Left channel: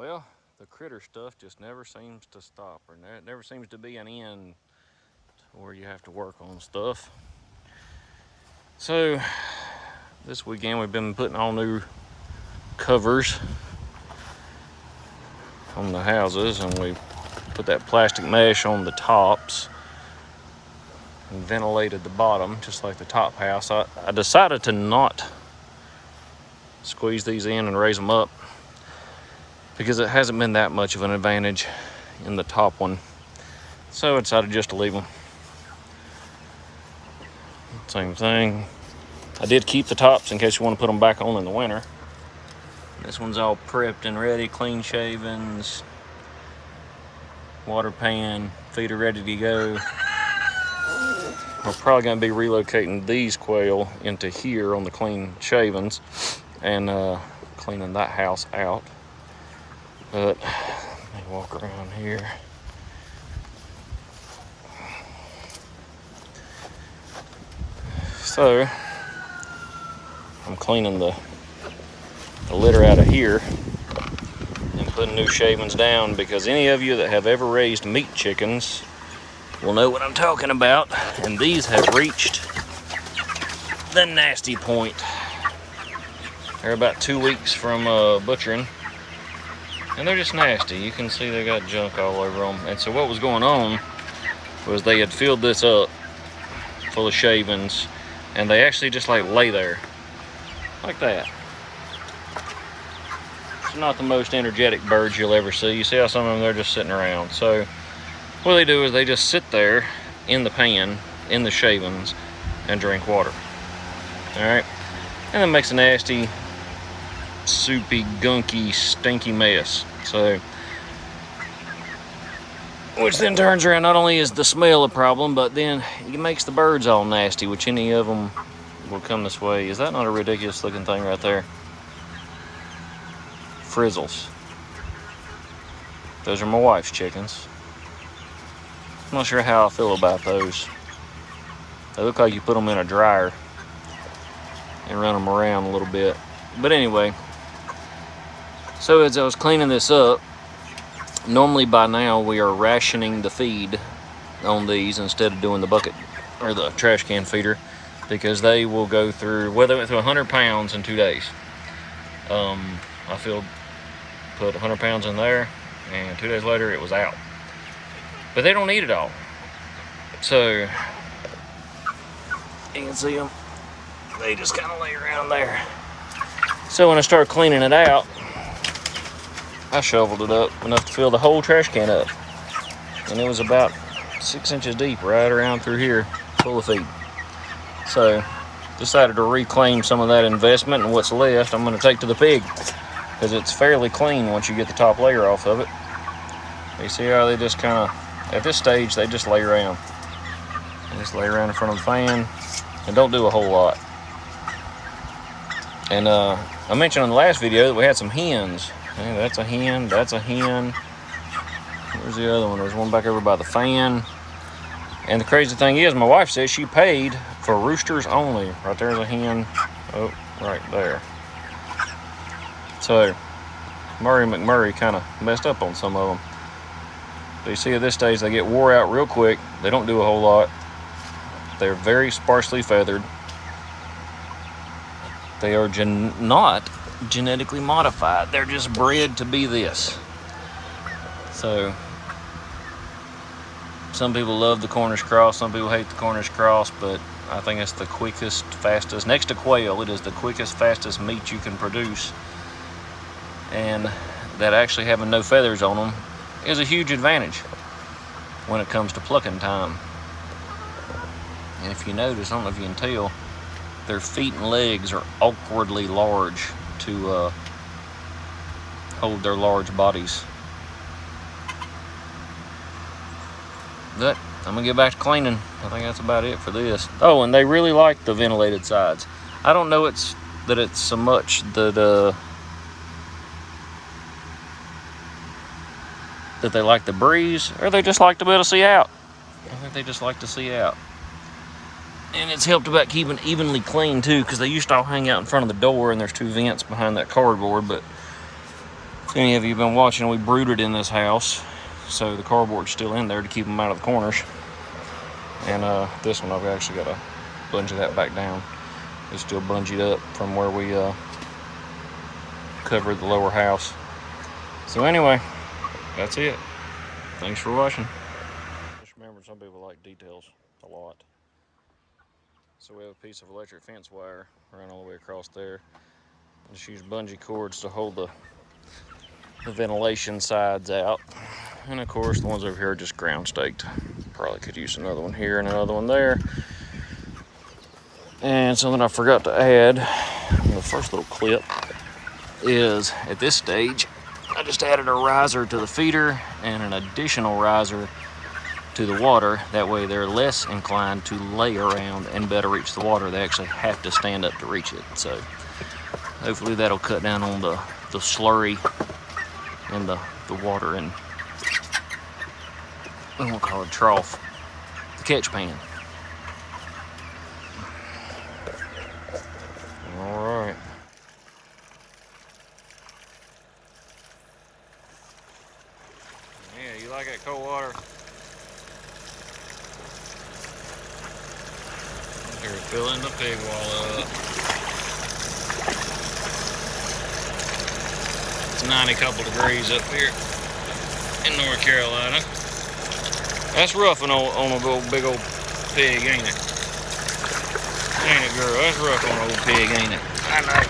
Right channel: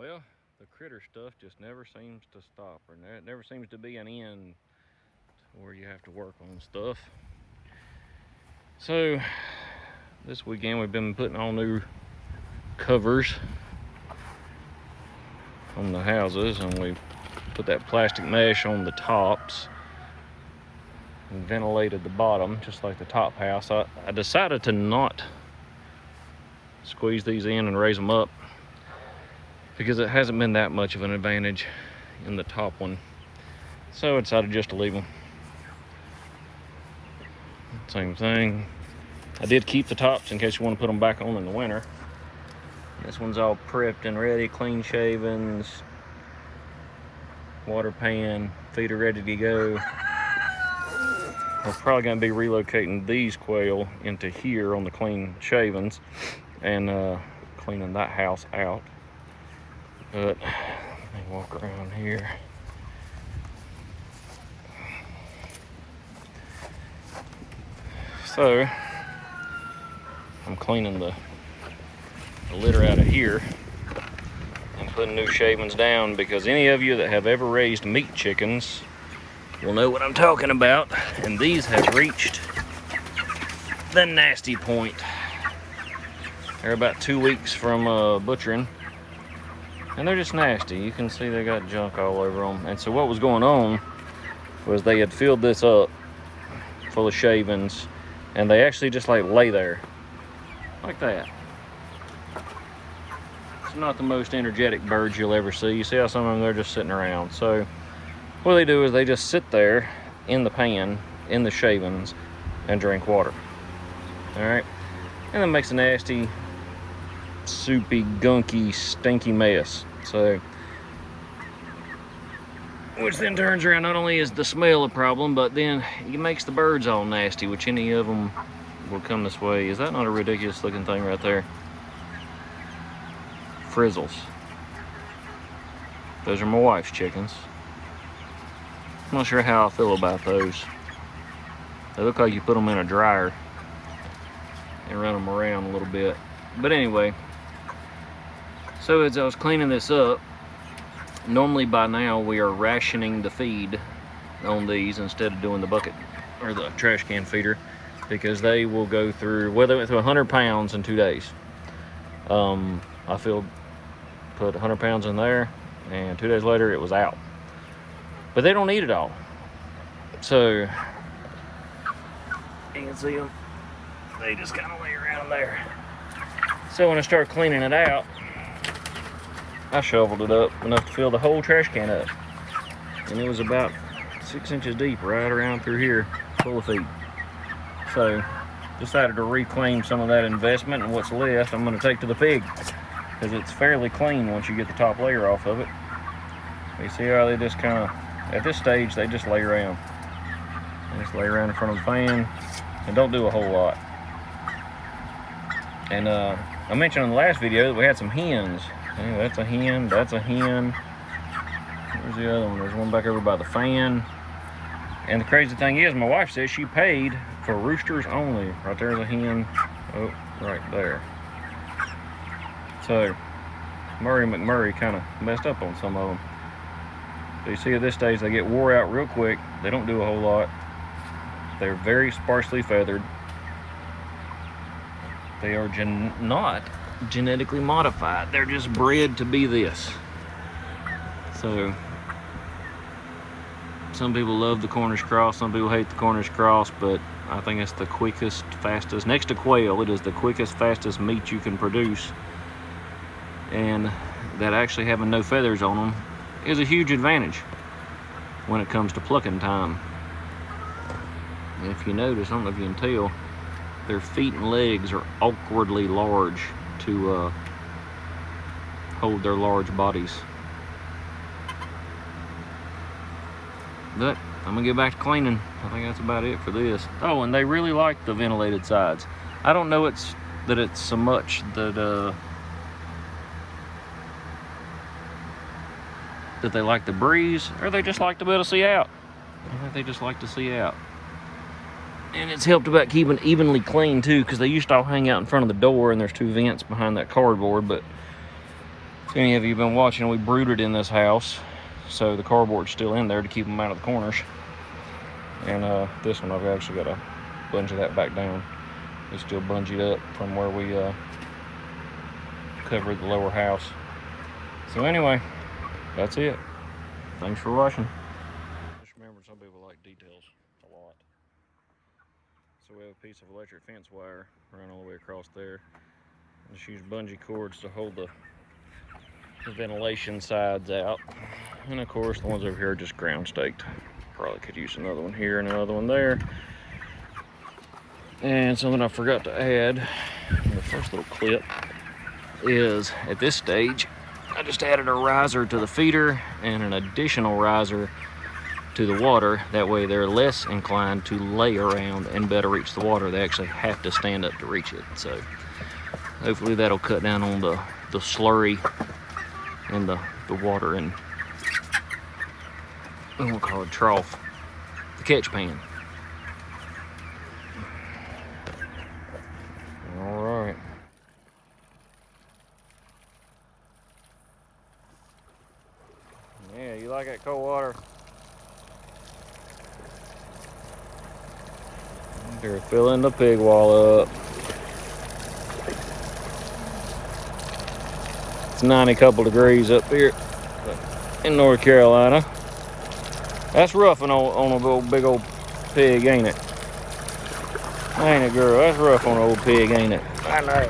Well, the critter stuff just never seems to stop, or it never seems to be an end to where you have to work on stuff. So this weekend we've been putting all new covers on the houses, and we put that plastic mesh on the tops and ventilated the bottom just like the top house. I decided to not squeeze these in and raise them up because it hasn't been that much of an advantage in the top one, so I decided just to leave them. Same thing. I did keep the tops in case you want to put them back on in the winter. This one's all prepped and ready, clean shavings, water pan, feeder ready to go. We're probably going to be relocating these quail into here on the clean shavings and cleaning that house out. But let me walk around here. So I'm cleaning the litter out of here and putting new shavings down, because any of you that have ever raised meat chickens will know what I'm talking about. And these have reached the nasty point. They're about 2 weeks from butchering, and they're just nasty. You can see they got junk all over them. And so what was going on was they had filled this up full of shavings, and they actually just like lay there like that. It's not the most energetic birds you'll ever see. You see how some of them, they're just sitting around. So what they do is they just sit there in the pan, in the shavings, and drink water. All right, and it makes a nasty, soupy, gunky, stinky mess. So, which then turns around, not only is the smell a problem, but then it makes the birds all nasty, which any of them will come this way. Is that not a ridiculous looking thing right there? Frizzles. Those are my wife's chickens. I'm not sure how I feel about those. They look like you put them in a dryer and run them around a little bit. But anyway, so as I was cleaning this up, normally by now we are rationing the feed on these instead of doing the bucket or the trash can feeder, because they will go through, well, they went through 100 pounds in 2 days. I put 100 pounds in there, and 2 days later it was out. But they don't eat it all. So you can see them, they just kind of lay around there. So when I started cleaning it out, I shoveled it up enough to fill the whole trash can up. And it was about 6 inches deep right around through here, full of feed. So decided to reclaim some of that investment, and what's left I'm going to take to the pig, because it's fairly clean once you get the top layer off of it. You see how they just kind of, at this stage, they just lay around. They just lay around in front of the fan and don't do a whole lot. And I mentioned in the last video that we had some hens. Hey, that's a hen, that's a hen. Where's the other one? There's one back over by the fan. And the crazy thing is, my wife says she paid for roosters only. Right there's a hen. Oh, right there. So Murray McMurray kind of messed up on some of them. But you see at this stage, they get wore out real quick. They don't do a whole lot. They're very sparsely feathered. They are not genetically modified. They're just bred to be this. So some people love the Cornish cross, some people hate the Cornish cross, but I think it's the quickest, fastest, next to quail, it is the quickest, fastest meat you can produce. And that actually having no feathers on them is a huge advantage when it comes to plucking time. And if you notice, I don't know if you can tell, their feet and legs are awkwardly large to hold their large bodies. But I'm gonna get back to cleaning. I think that's about it for this. Oh, and they really like the ventilated sides. I don't know that it's so much that they like the breeze, or they just like to be able to see out. I think they just like to see out. And it's helped about keeping evenly clean too, because they used to all hang out in front of the door, and there's 2 vents behind that cardboard. But If any of you have been watching, we brooded in this house, so the cardboard's still in there to keep them out of the corners. And this one, I've actually got to bungee that back down. It's still bungeed up from where we covered the lower house. So anyway, that's it. Thanks for watching. Just remember, some people like details a lot. So we have a piece of electric fence wire run all the way across there. Just use bungee cords to hold the ventilation sides out. And of course, the ones over here are just ground staked. Probably could use another one here and another one there. And something I forgot to add in the first little clip is, at this stage, I just added a riser to the feeder and an additional riser to the water. That way they're less inclined to lay around and better reach the water. They actually have to stand up to reach it. So hopefully that'll cut down on the slurry and the water, and we'll call it trough, the catch pan. All right. Yeah, you like that cold water? You're filling the pig wall up. It's 90 couple degrees up here in North Carolina. That's rough on a big old pig, ain't it? Ain't it, girl? That's rough on an old pig, ain't it? I know.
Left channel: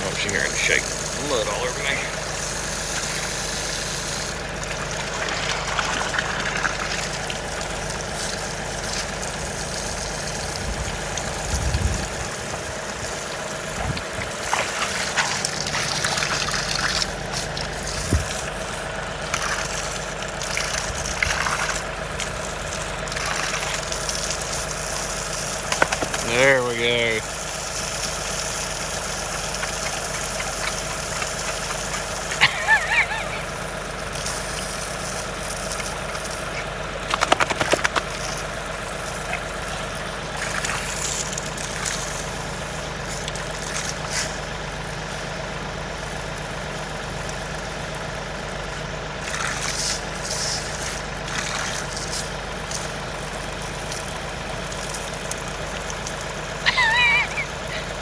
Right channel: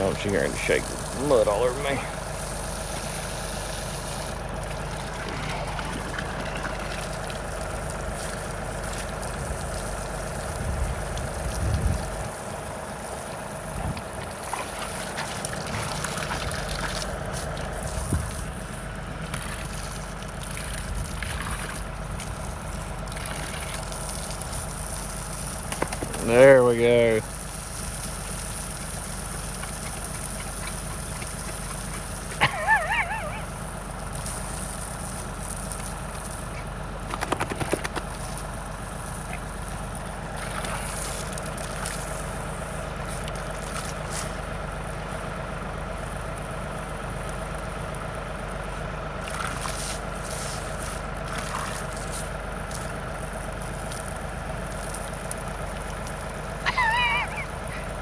Oh, she's going to shake mud all over me. There we go.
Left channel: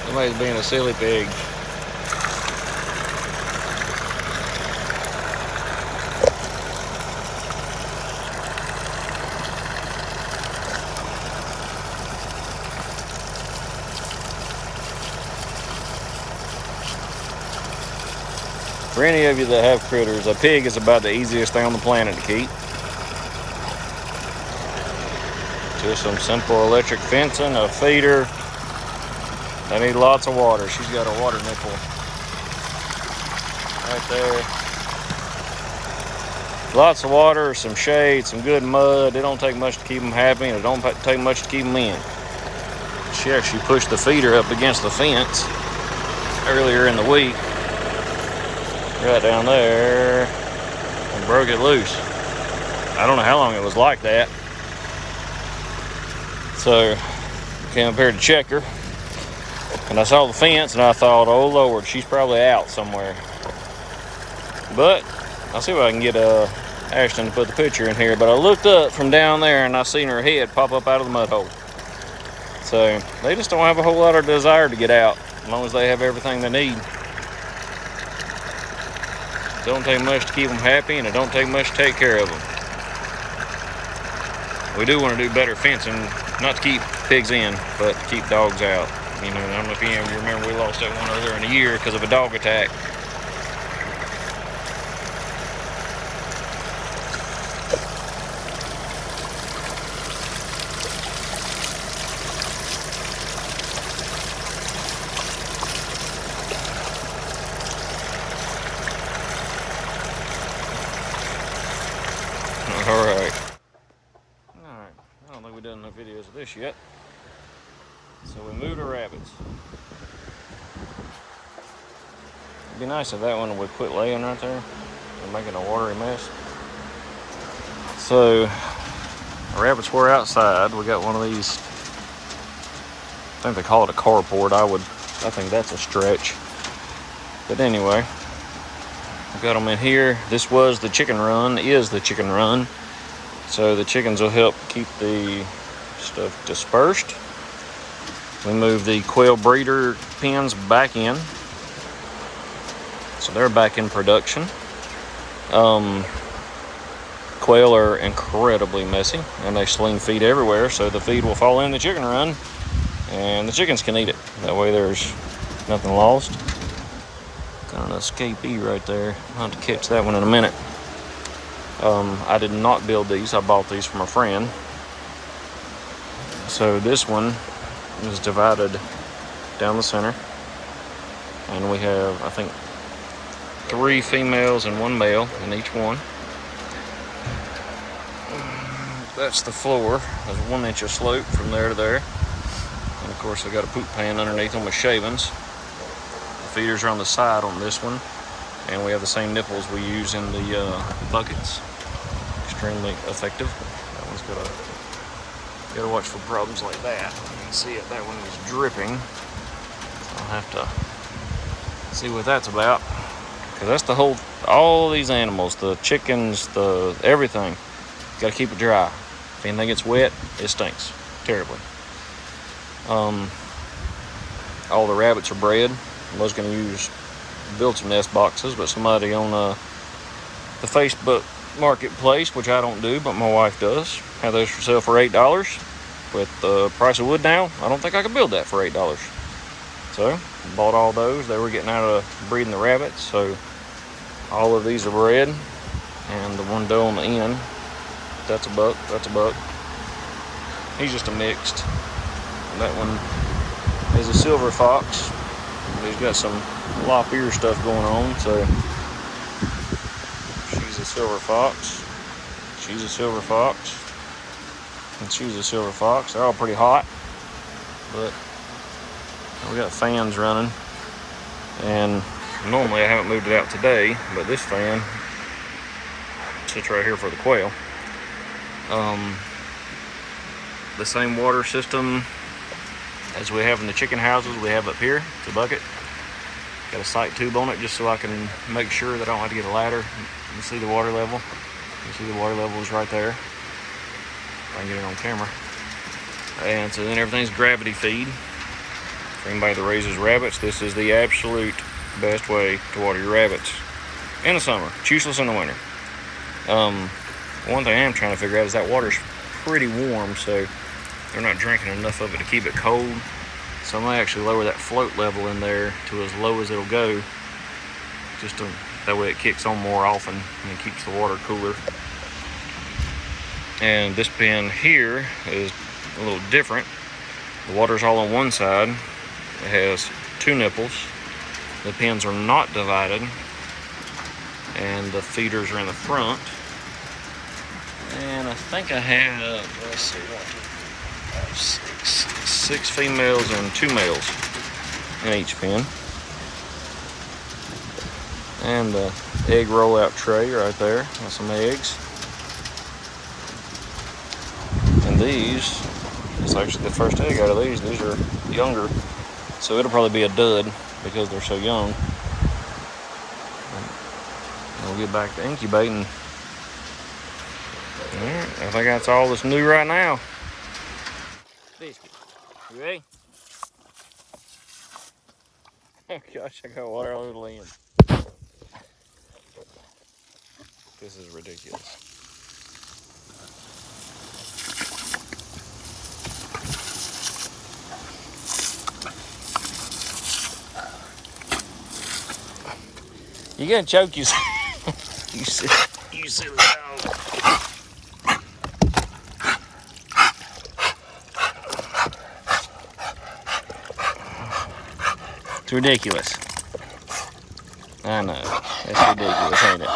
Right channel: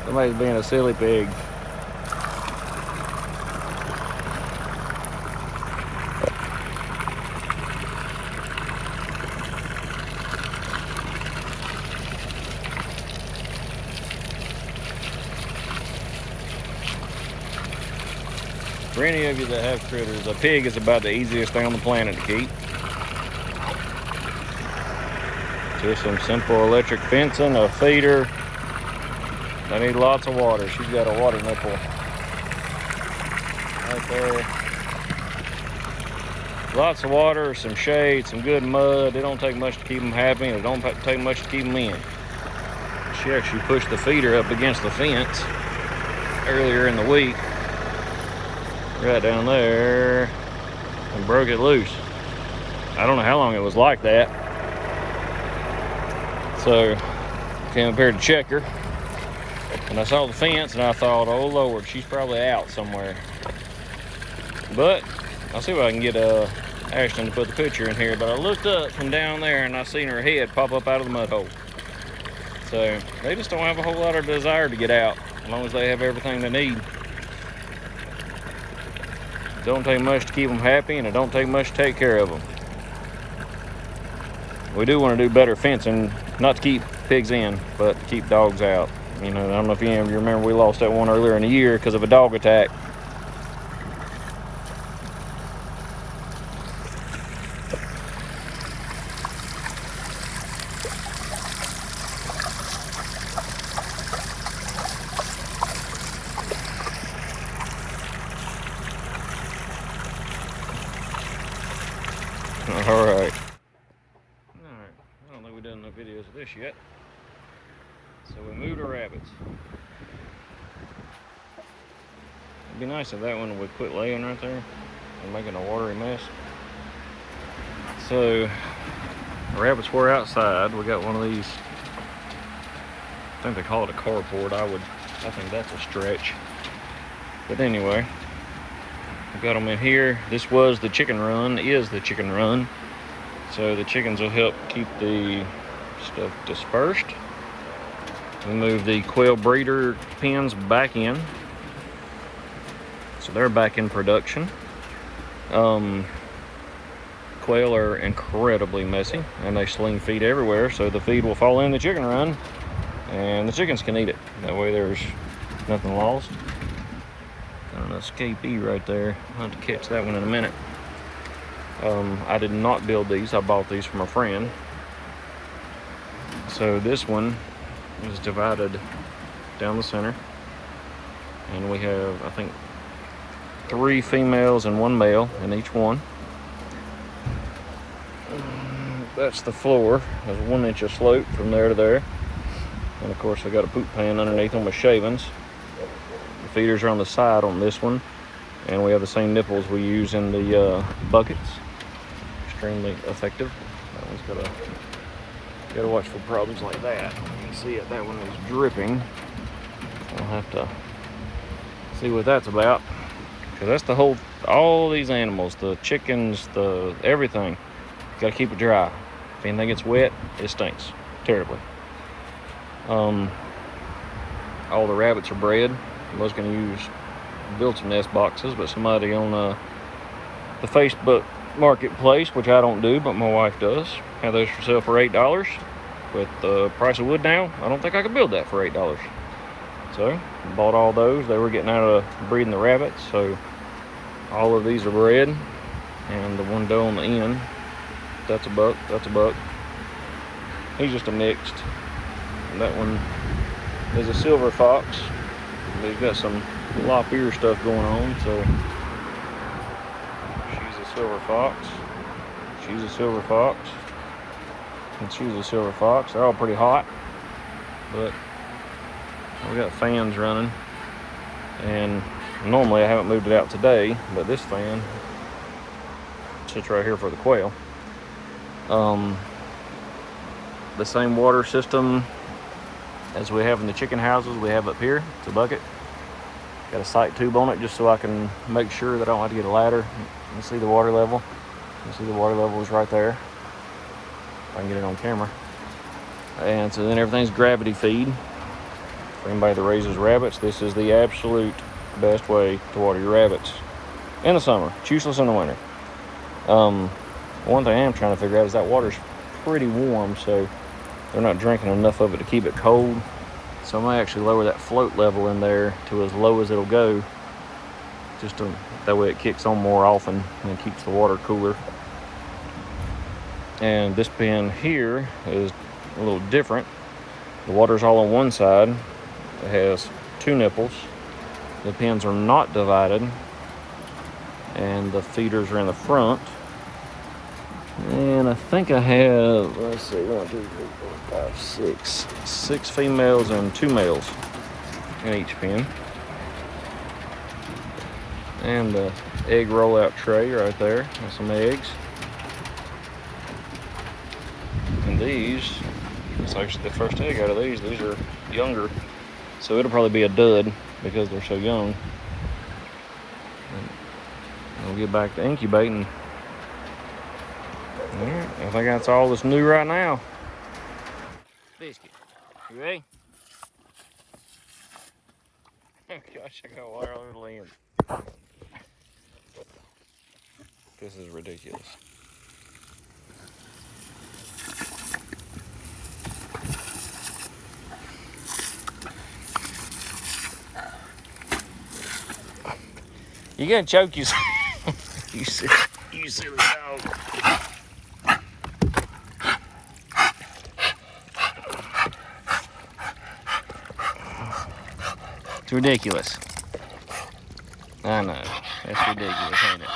Somebody's being a silly pig. For any of you that have critters, a pig is about the easiest thing on the planet to keep. Just some simple electric fencing, a feeder. They need lots of water. She's got a water nipple right there. Lots of water, some shade, some good mud. It don't take much to keep them happy, and it don't take much to keep them in. She actually pushed the feeder up against the fence earlier in the week, right down there, and broke it loose. I don't know how long it was like that. So I came up here to check her, and I saw the fence, and I thought, oh Lord, she's probably out somewhere. But I'll see if I can get Ashton to put the picture in here. But I looked up from down there, and I seen her head pop up out of the mud hole. So they just don't have a whole lot of desire to get out, as long as they have everything they need. It don't take much to keep them happy, and it don't take much to take care of them. We do want to do better fencing, not to keep pigs in, but to keep dogs out. You know, I don't know if any of you remember, we lost that one earlier in the year because of a dog attack. Alright. Alright, I don't think we've done enough videos of this yet. So we moved our rabbits. It'd be nice if that one would quit laying right there and making a watery mess. So, the rabbits were outside. We got one of these, I think they call it a carport. I would I think that's a stretch. But anyway, I've got them in here. This was the chicken run, is the chicken run. So the chickens will help keep the stuff dispersed. We move the quail breeder pens back in. So they're back in production. Quail are incredibly messy and they sling feed everywhere, so the feed will fall in the chicken run and the chickens can eat it. That way there's nothing lost. Got an escapee right there. I'll have to catch that one in a minute. I did not build these. I bought these from a friend. So this one is divided down the center. And we have, I think, 3 females and 1 male in each one. That's the floor. There's 1 inch of slope from there to there. And of course I got a poop pan underneath them with shavings. The feeders are on the side on this one. And we have the same nipples we use in the buckets. Extremely effective. That one's gotta watch for problems like that. You can see it, that one is dripping. I'll have to see what that's about. Because that's the whole, all these animals, the chickens, the everything. Gotta keep it dry. If anything gets wet, it stinks terribly. All the rabbits are bred. I was gonna build some nest boxes, but somebody on the Facebook marketplace, which I don't do, but my wife does, had those for sale for $8. With the price of wood now, I don't think I could build that for $8. So, bought all those. They were getting out of breeding the rabbits, so all of these are bred. And the one doe on the end, that's a buck, that's a buck. He's just a mixed. And that one is a silver fox. He's got some lop ear stuff going on, so she's a silver fox. She's a silver fox. And she's a silver fox. They're all pretty hot, but we got fans running. And normally I haven't moved it out today, but this fan sits right here for the quail. The same water system as we have in the chicken houses we have up here. It's a bucket. Got a sight tube on it just so I can make sure that I don't have to get a ladder. You can see the water level. You can see the water level is right there. If I can get it on camera. And so then everything's gravity feed. For anybody that raises rabbits, this is the absolute best way to water your rabbits in the summer. It's useless in the winter. One thing I am trying to figure out is that water's pretty warm, so they're not drinking enough of it to keep it cold. So I might actually lower that float level in there to as low as it'll go, just that way it kicks on more often and keeps the water cooler. And this pen here is a little different. The water's all on one side. It has 2 nipples. The pens are not divided, and the feeders are in the front. And I think I have, let's see, 1, 2, 3, 4, 5, 6 females and 2 males in each pen. And the egg rollout tray right there, and some eggs. And these, it's actually the first egg out of these. These are younger, so it'll probably be a dud because they're so young. And we'll get back to incubating. Alright, I think that's all that's new right now. Biscuit, you ready? Oh gosh, I got water all over the land. This is ridiculous. You're gonna choke yourself. You silly dog. It's ridiculous. I know. That's ridiculous, ain't it?